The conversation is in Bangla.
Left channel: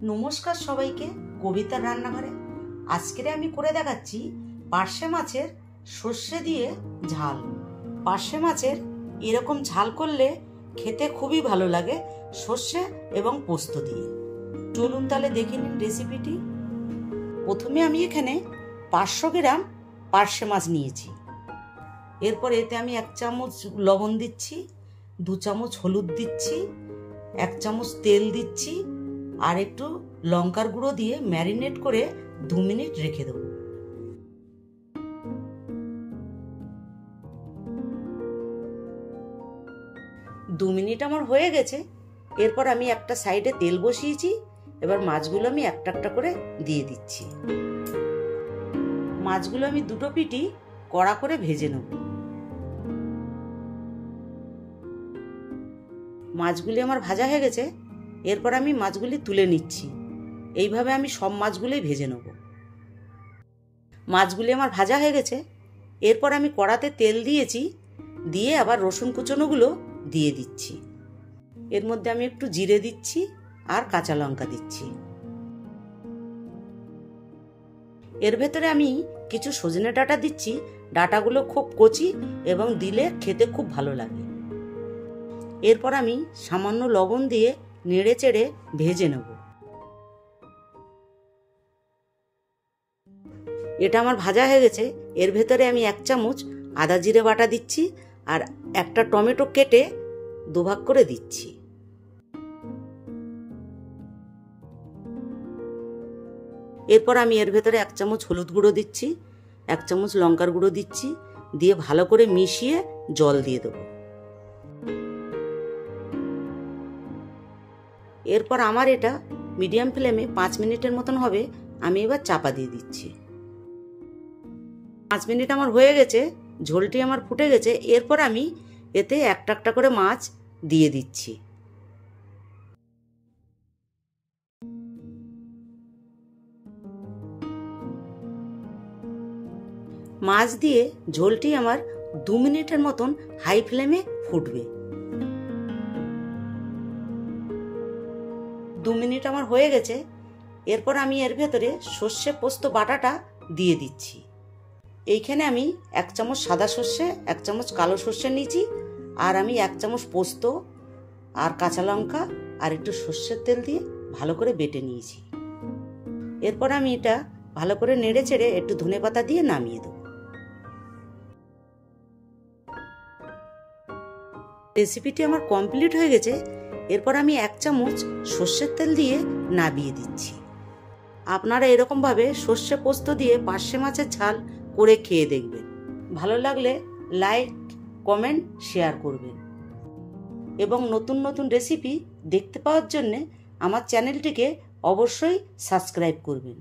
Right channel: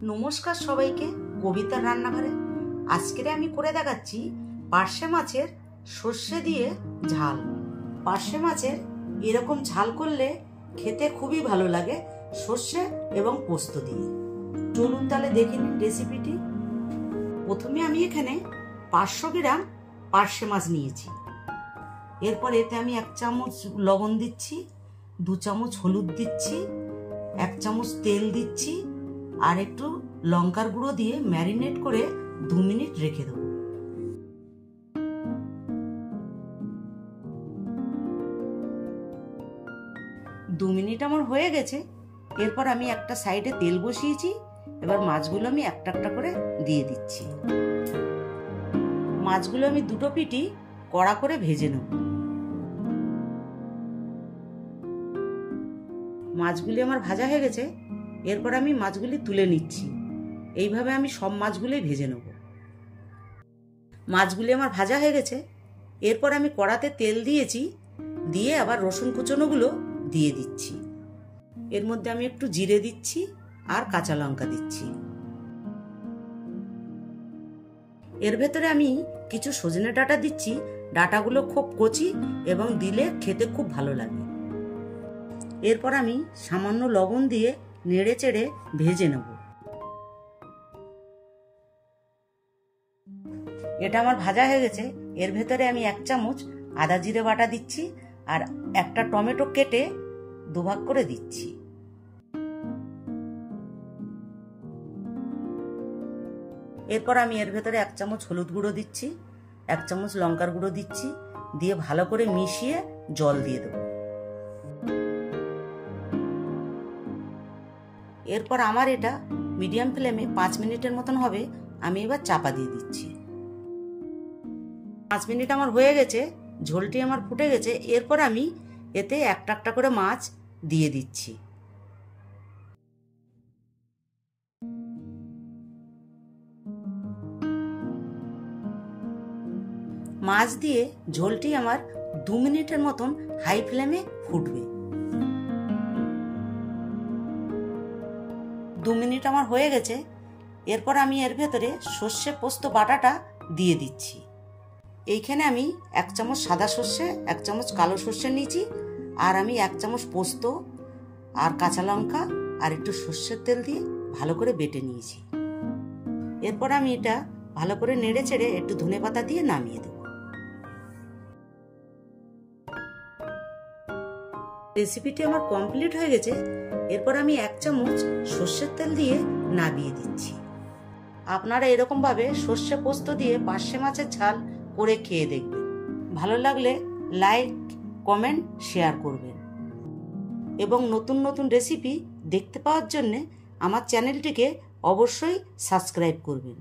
নমস্কার সবাইকে, কবিতার রান্নাঘরে। আজকে আমি করে দেখাচ্ছি পার্শে মাছের সর্ষে দিয়ে ঝাল। পার্শে মাছের এরকম ঝাল করলে খেতে খুবই ভালো লাগে সর্ষে এবং পোস্ত দিয়ে। চলুন তাহলে দেখে নিন রেসিপিটি। প্রথমে আমি এখানে 500 গ্রাম পার্শে মাছ নিয়েছি। এরপর এতে আমি 1 চামচ লবণ দিচ্ছি, 2 চামচ হলুদ দিচ্ছি, 1 চামচ তেল দিচ্ছি আর একটু লঙ্কার গুঁড়ো দিয়ে ম্যারিনেট করে 2 মিনিট রেখে দেব। দু মিনিট আমার হয়ে গেছে। এরপর আমি একটা সাইডে তেল বসিয়েছি। এবার মাছগুলো আমি একটা একটা করে দিয়ে দিচ্ছি। মাছগুলো আমি দুটো পিঠই কড়া করে ভেজে নেব। মাছগুলি আমার ভাজা হয়ে গেছে। এরপর আমি মাছগুলি তুলে নিচ্ছি। এইভাবে আমি সব মাছগুলোই ভেজে নেব। মাছগুলি আমার ভাজা হয়ে গেছে। এরপর আমি কড়াতে তেল দিয়েছি, দিয়ে আবার রসুন কুচনোগুলো দিয়ে দিচ্ছি। এর মধ্যে আমি একটু জিরে দিচ্ছি আর কাঁচা লঙ্কা দিচ্ছি। এর ভেতরে আমি কিছু সজনে ডাঁটা দিচ্ছি। ডাঁটাগুলো খুব কচি এবং দিলে খেতে খুব ভালো লাগে। এরপর আমি সামান্য লবণ দিয়ে নেড়ে চেড়ে ভেজে নেব। এটা আমার ভাজা হয়ে গেছে। এর ভেতরে আমি 1 চামচ আদা জিরে বাটা দিচ্ছি আর একটা টমেটো কেটে 2 ভাগ করে দিচ্ছি। এরপর আমি এর ভেতরে 1 চামচ হলুদ গুঁড়ো দিচ্ছি, 1 চামচ লঙ্কার গুঁড়ো দিচ্ছি, দিয়ে ভালো করে মিশিয়ে জল দিয়ে দেবো। এরপর আমার এটা মিডিয়াম ফ্লেমে 5 মিনিটের মতন হবে। আমি এবার চাপা দিয়ে দিচ্ছি। 5 মিনিট আমার হয়ে গেছে, ঝোলটি আমার ফুটে গেছে। এরপর আমি এতে একটা একটা করে মাছ দিয়ে দিচ্ছি। মাছ দিয়ে ঝোলটি আমার 2 মিনিটের মতন হাই ফ্লেমে ফুটবে। 2 মিনিট আমার হয়ে গেছে। এরপর আমি এর ভেতরে সর্ষে পোস্ত বাটাটা দিয়ে দিচ্ছি। এইখানে আমি 1 চামচ সাদা সর্ষে, 1 চামচ কালো সর্ষে নিয়েছি আর আমি 1 চামচ পোস্ত আর কাঁচা লঙ্কা আর একটু সর্ষের তেল দিয়ে ভালো করে বেটে নিয়েছি। এরপর আমি এটা ভালো করে নেড়ে চেড়ে একটু ধনেপাতা দিয়ে নামিয়ে দেব। রেসিপিটি আমার কমপ্লিট হয়ে গেছে। এরপর আমি 1 চামচ সর্ষের তেল দিয়ে নামিয়ে দিচ্ছি। আপনারা এরকম ভাবে সর্ষে পোস্ত দিয়ে পার্শে মাছের ঝাল করে খেয়ে দেখবেন। ভালো লাগলে লাইক, কমেন্ট, শেয়ার করবেন এবং নতুন নতুন রেসিপি দেখতে পাওয়ার জন্য আমার চ্যানেলটিকে অবশ্যই সাবস্ক্রাইব করবেন।